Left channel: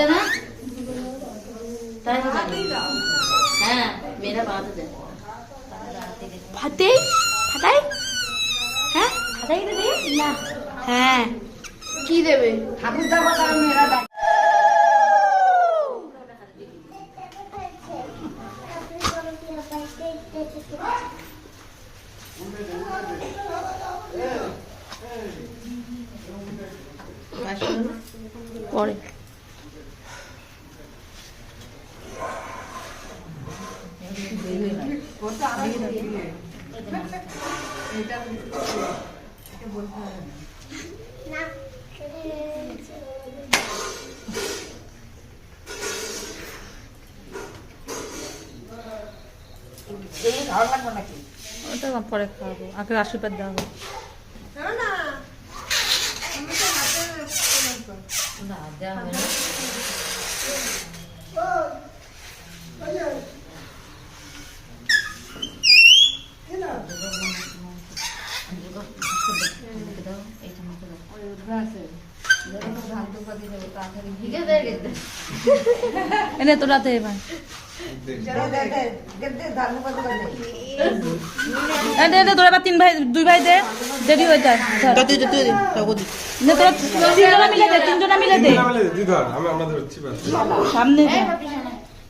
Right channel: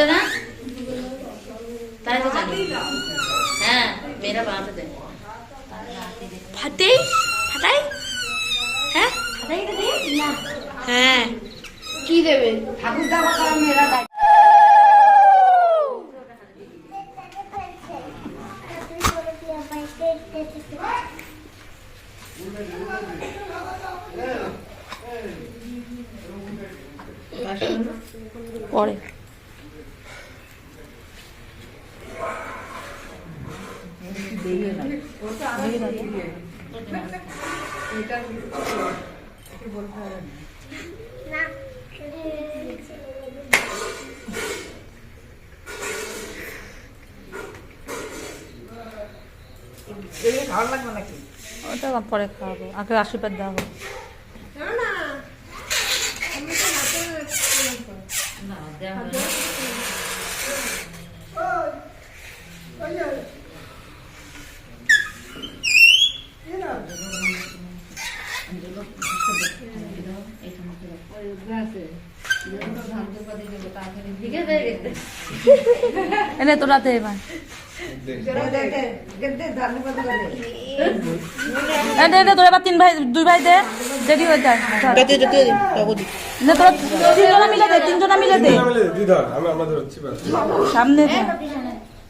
दे ना ताई तो जाने हाँ मेरा बात दे फटे फटाई हैं फटाई दे ना हैं की देवे ठाकुर दा बता मेरा दाई পরে ওটা পরে খাওয়াবো আগে আশীর্বাদ দেওয়া হবে তোরা তোরা তিন ভাই দুই ভাই দে দেরি হয়ে যায় তিনজনা মিলে দে সামনে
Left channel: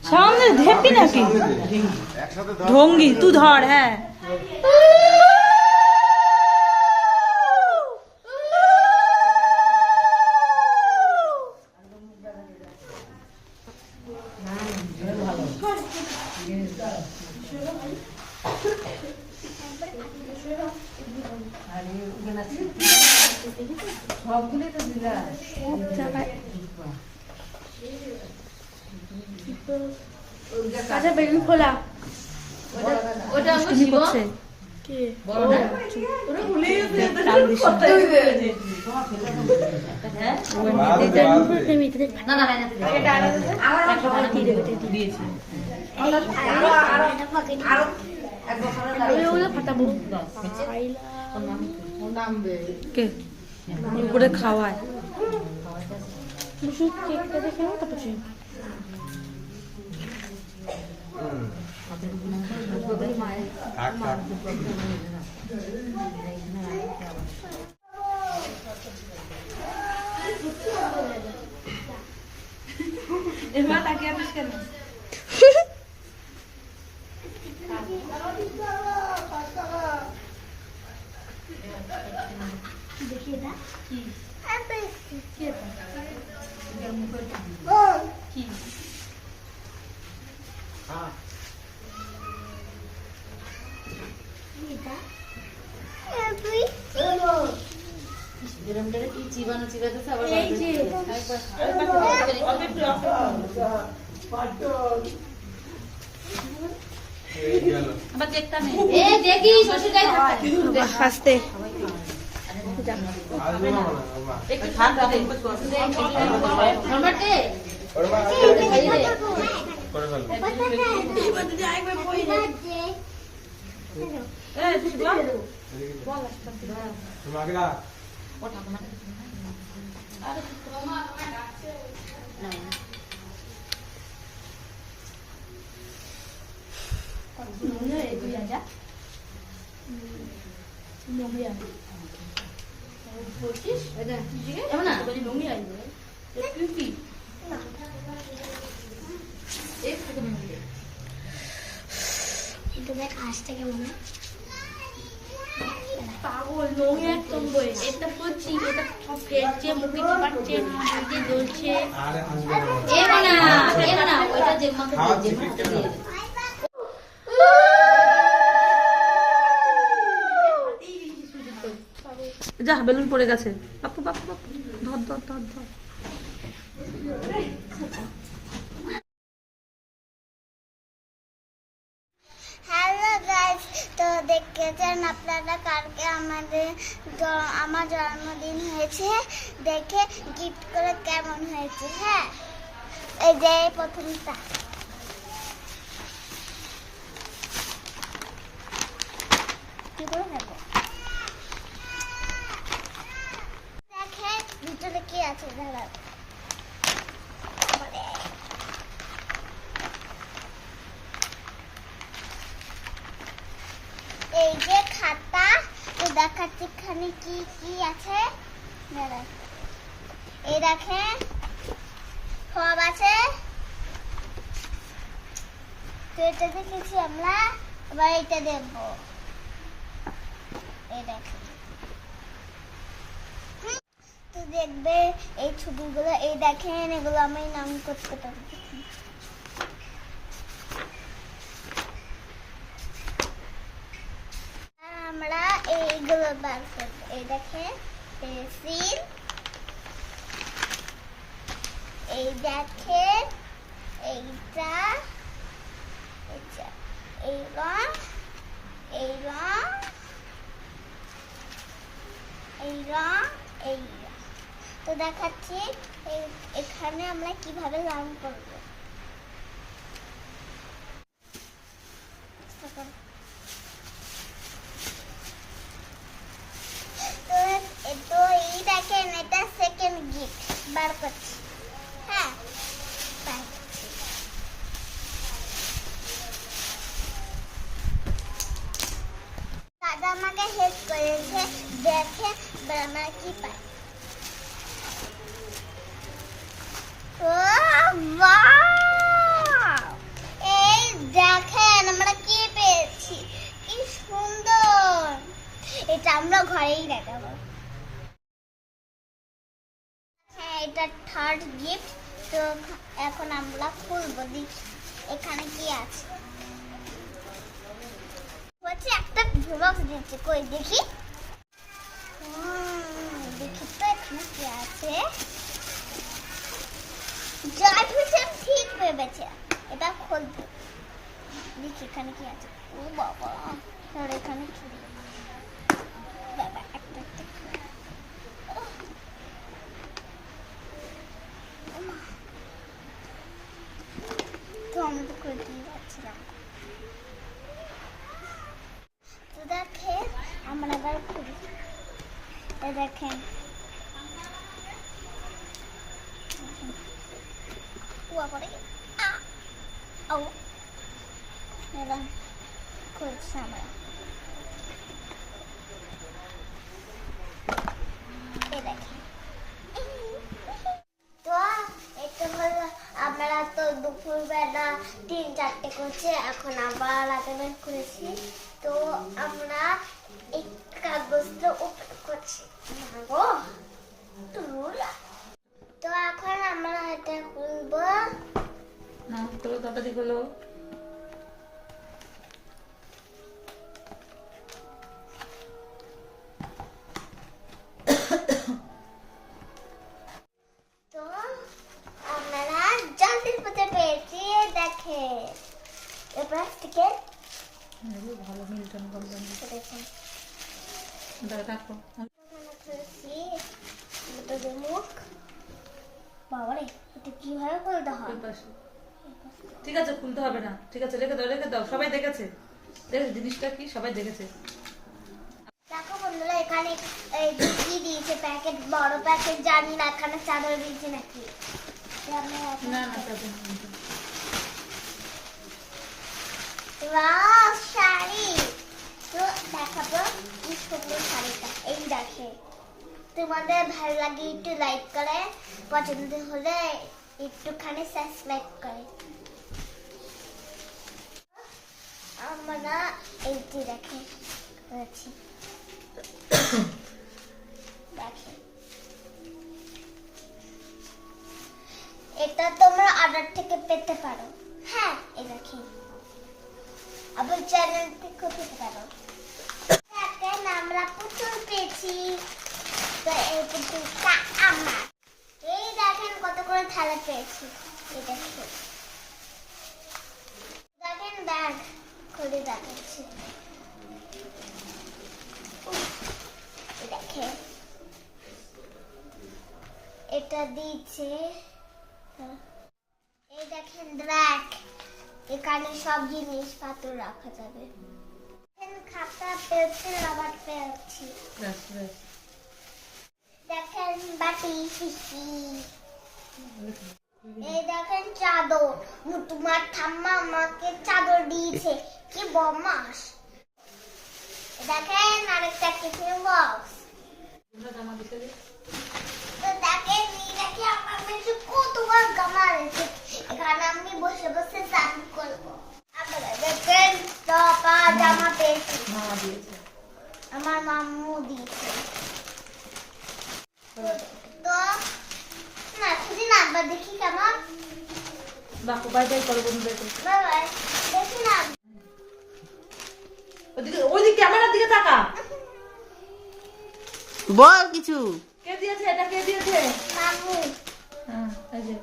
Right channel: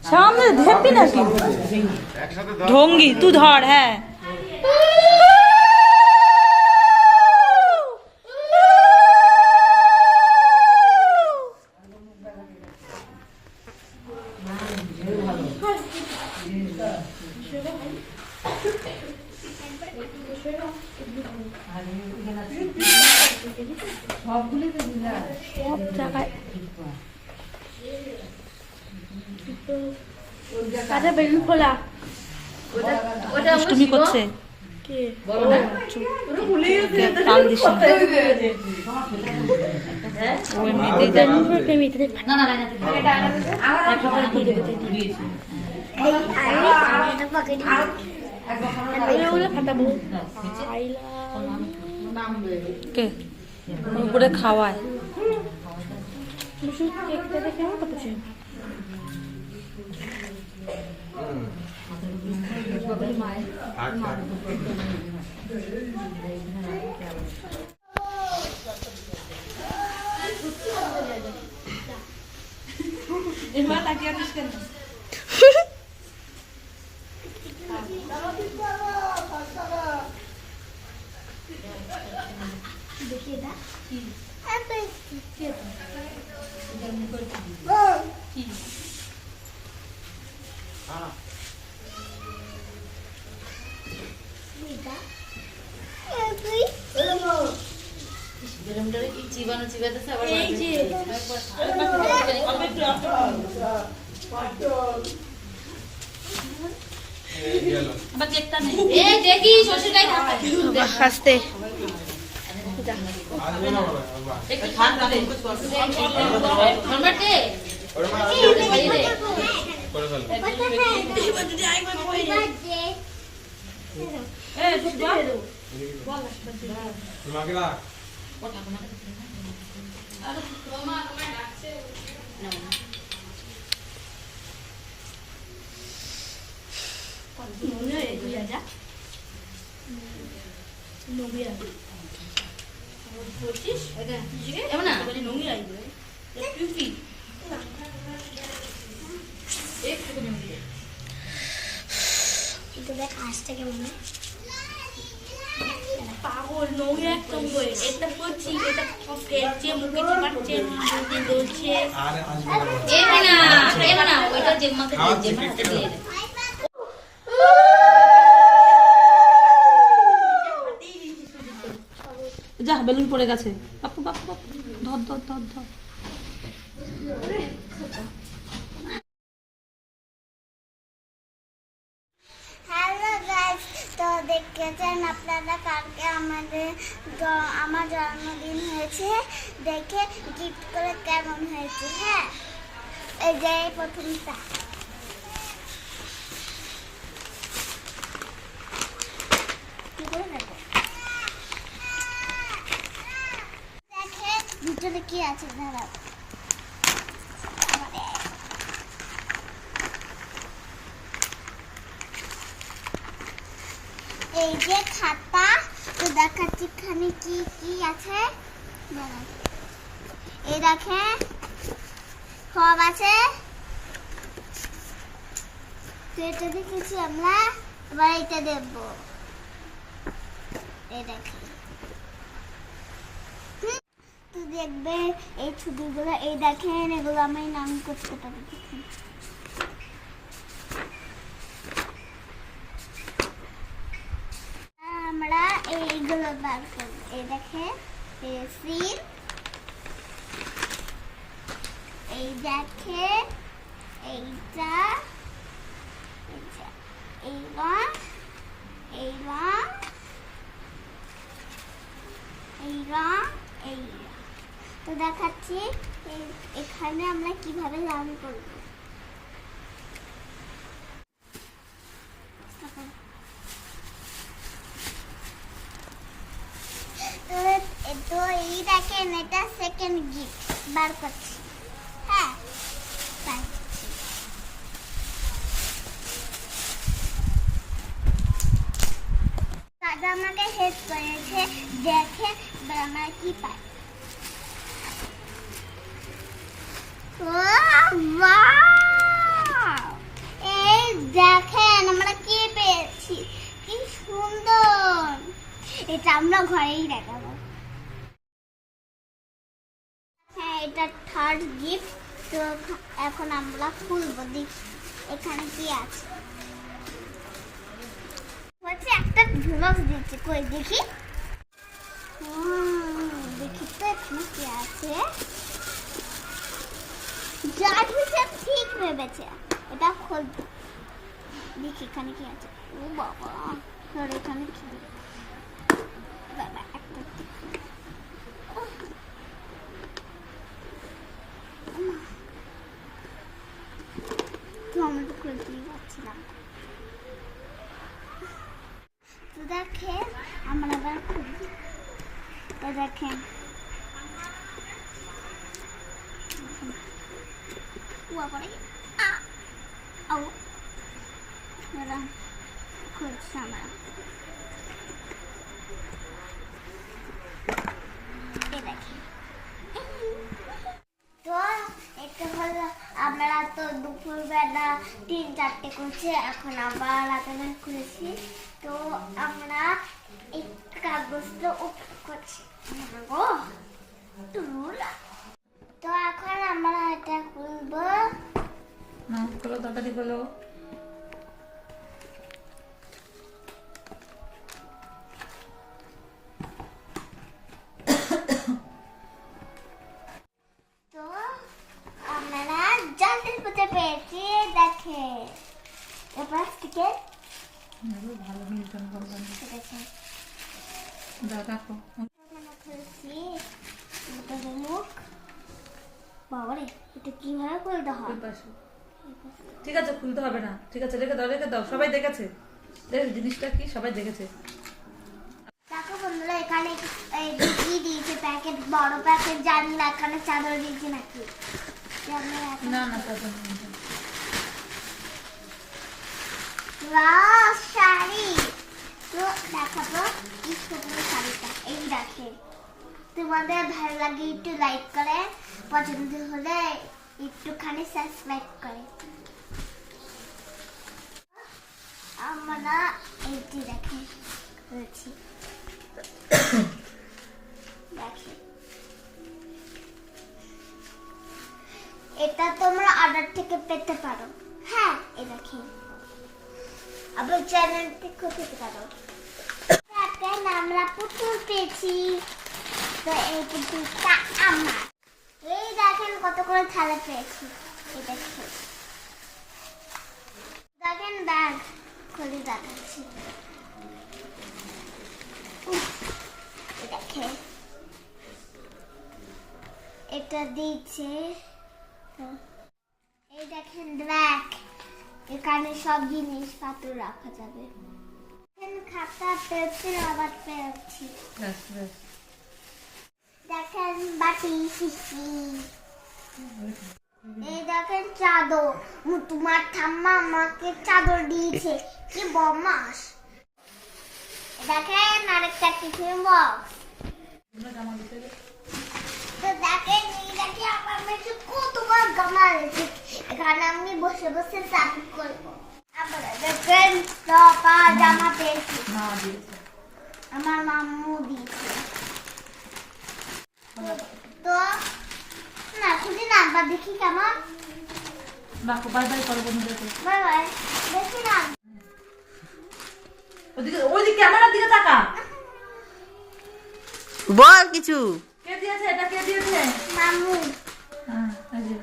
সামনে ধরবি নাকি ঢঙ্গি তুই ধর হ্যাঁ সব জায়গায় কাজে বেলুন খোলা দুষ্টুমি করছে তাল দিস ফাটাবো করে খাওয়ায় देखिए ना জীবাণু চিবাতেছে আবার আবার দেখতাম এই দেখি শ্বশুরটাই থাকে হাসতে একটু খান দে নরমাতে ওরমা খাইয়ে দে করে ফেল এই বন্ধু যাই কই কই এ তুই বল তোমাকে না ও ঠাকুমা আরে তোমার তোমার ডাকছে না কোন নুনে এগিয়ে যা নুমিয়া বলছিস এটা জিগে এমন না বলি নুমি আইবে টুপি এক থেকে নুমি এটা দেখ আসছে কেমন পাগল নুমি একদম বলে এটা করছি এটা সব ফেলছে মুখে চিবাচ্ছে মুখে বলছে আরে আসবে এমন না ওইটা জেম্মাকে দিয়ে যা বেলুন পড়ে গেছে বাপু বাপু বাপু ধর ধর ধর ধর হ্যালো গাইস তো দেখেছেন আপনারা কালকে আমার জন্মদিন হয়েছে দেখে গিফট করে কেমন হয়েছে হ্যাঁ এই যে প্রথমটা কি করে নেব ভিতরে কি আছে দাঁড়াও এই যে খাতা, তো দেখাচ্ছি এখানে কি কি আছে। দাঁড়ান, এই দেখেন সব আছে। তো এটা দেখেছি আমরা, এবার এটা দেখবো। এই দেখেন, তো দেখবে এই ছবিগুলো, এই দেখেন এগুলো আমি নাম করতে পারি। আমরা এইগুলো বার করবো। এই দেখেন পেন্সিল, এই দেখেন এইটা, এই রং, এই রং, এই রং, এই রং। তো দেখাচ্ছি এখানে আমরা কিভাবে রং করবো। তো এই দেখেন এটা সেকেন্ড গিফট বার করছি। হ্যাঁ, দাদা আমাকে হেল্প করেছে, দেখে আমরা কি পাই। এই দেখেন আমরা কি পেয়েছি, কি সুন্দর। এটা আমরা ঘরেই দেখাবো। হ্যাঁ, এটা থার্ড গিফট। তো এখন আমরা খুলবো, দেখি এখানে কি আছে। হচ্ছে একটা ঝুলক দিচ্ছে, কই দেখি। দেখি তো এখানে কি আছে। যা কিছু ঠিক ভেবেছে, এটা খুলবো, দেখি এখানে কি আছে। ও বাবা, এখানে কি বাবা, একটা তো আমি তো খুলতেই পারছিলাম। তো দেখেন আমরা আবার খুলি। দেখেন কুয়া করে খুলছি আমরা। তো এটা হলো, আমরা তো দুপুরবেলা 3-4টে করছি, এখন আবার রাতের করেছি। তো আমরা এই কাগজটা উপরে করছি। তো এখন আমরা এটা খুলবো। না খোলো, তাড়াতাড়ি খোলো। তো আমরা জলদি পেতে পেয়েছি, দেখে এবার থেকে ভালো মিল্টন কোম্পানি দেখেন দেখো। খুলছি মুখ। বাবারে, এটা কিভাবে খুলতে হয়? ঠিক আছে, খুলতে হবে না। ঠিক আছে, রেখে দাও, রেখে দাও। সবাই দেখেছে, জিনিসটা কি সবাই দেখেছে। দেখো বন্ধুরা, এখানে এই কি দিয়েছে প্যাকেট, বড় প্যাকেট, জানি না এখানে চাদর দিয়েছে নাকি। না না, শাড়ি তো দেখাবো কি সুন্দর শাড়িটা। এই দেখে, তোমাদের ভালো লাগে একটু লাইক করে, পছন্দ হলে একটুখানি সাবস্ক্রাইব করে। আমরা এইটি দেখে রয়েছি, দেখে এটা তোমরা অর্ডার থেকে পেতে পারো। হ্যাঁ, এই দেখে আবার চ্যানেল থেকে পেতে পারো। এখন আমরা পুতুল পেয়েছি। তো এই পুতুলটা আমরা, এই দেখেন কত করে থালা পেয়েছি। এই দেখেন, দেখেন ব্যাগ খুলে দেখাচ্ছি। দেখেন এটা দিয়েছে। এই দেখেন ব্যাগ, এখানে সব জিনিসপত্র রাখা যাবে। খাতা পেয়েছি, রাবার পেয়েছি। দেখেন বাটি, শিশি। এই দেখেন চাদর, তোমার ঠাম্মা আমাকে চাদর দিয়েছে। কি বদমাস। দেখেন আরেকটা টিফিন বক্স। জামা দিতে দে। তো দেখেন এইটাকে আমার মেয়ে কতবার গামা এনেছি। এখানে আমি বসে বসে চাকরি করবো। আবার দেখেন টপা জামা পেয়েছি, মা দিয়েছে। আমার মাম্মু দিয়েছে। তো না খুঁজে না একবার দেখি কেমন। বাকো বাই বাই করো বন্ধুদেরকে। বাই বাই, দেখি না। ওইদিকে ক্যামেরার দিকে তাকা। বল কিছু। কে দিয়েছে এটা, কে দিয়েছে? মাম্মু। হ্যাঁ, এই যে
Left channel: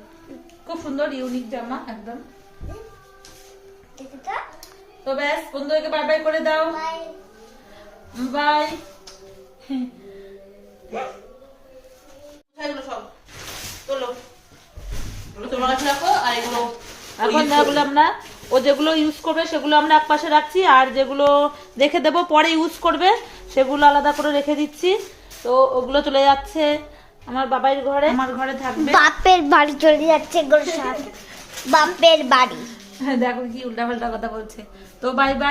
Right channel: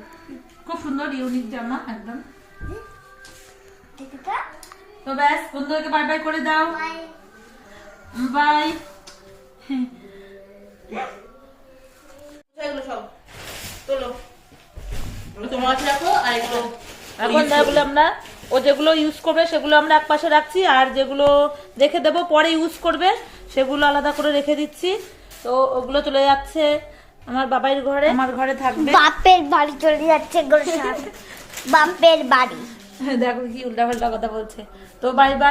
খুব সুন্দর ইউনিক জামা একদম। দেখি তো। তো ব্যাস বন্ধুদেরকে বাই বাই করে দাও। বাই। বাই। এগুলো সব তোলো, এগুলো তোমার কাছে রাখো আর এগুলো এখন এগুলো আমরা ও যেগুলো ইউজ করবে সেগুলো আমরা এক পাশে রাখছি, আর যেগুলো রেখে দেবো পরে ইউজ করবে সেগুলো আলাদা করে রেখে দিচ্ছি। তো ওগুলো চলে যাচ্ছে আমার বাবার ঘরে, আমার ঘরে থাকবে। বাপের বাড়ি চলে যাচ্ছে গোলসাপ। বাপের বাড়ি। দেখো কি উল্টা পাল্টা কথা বলছে। তো বাই বাই।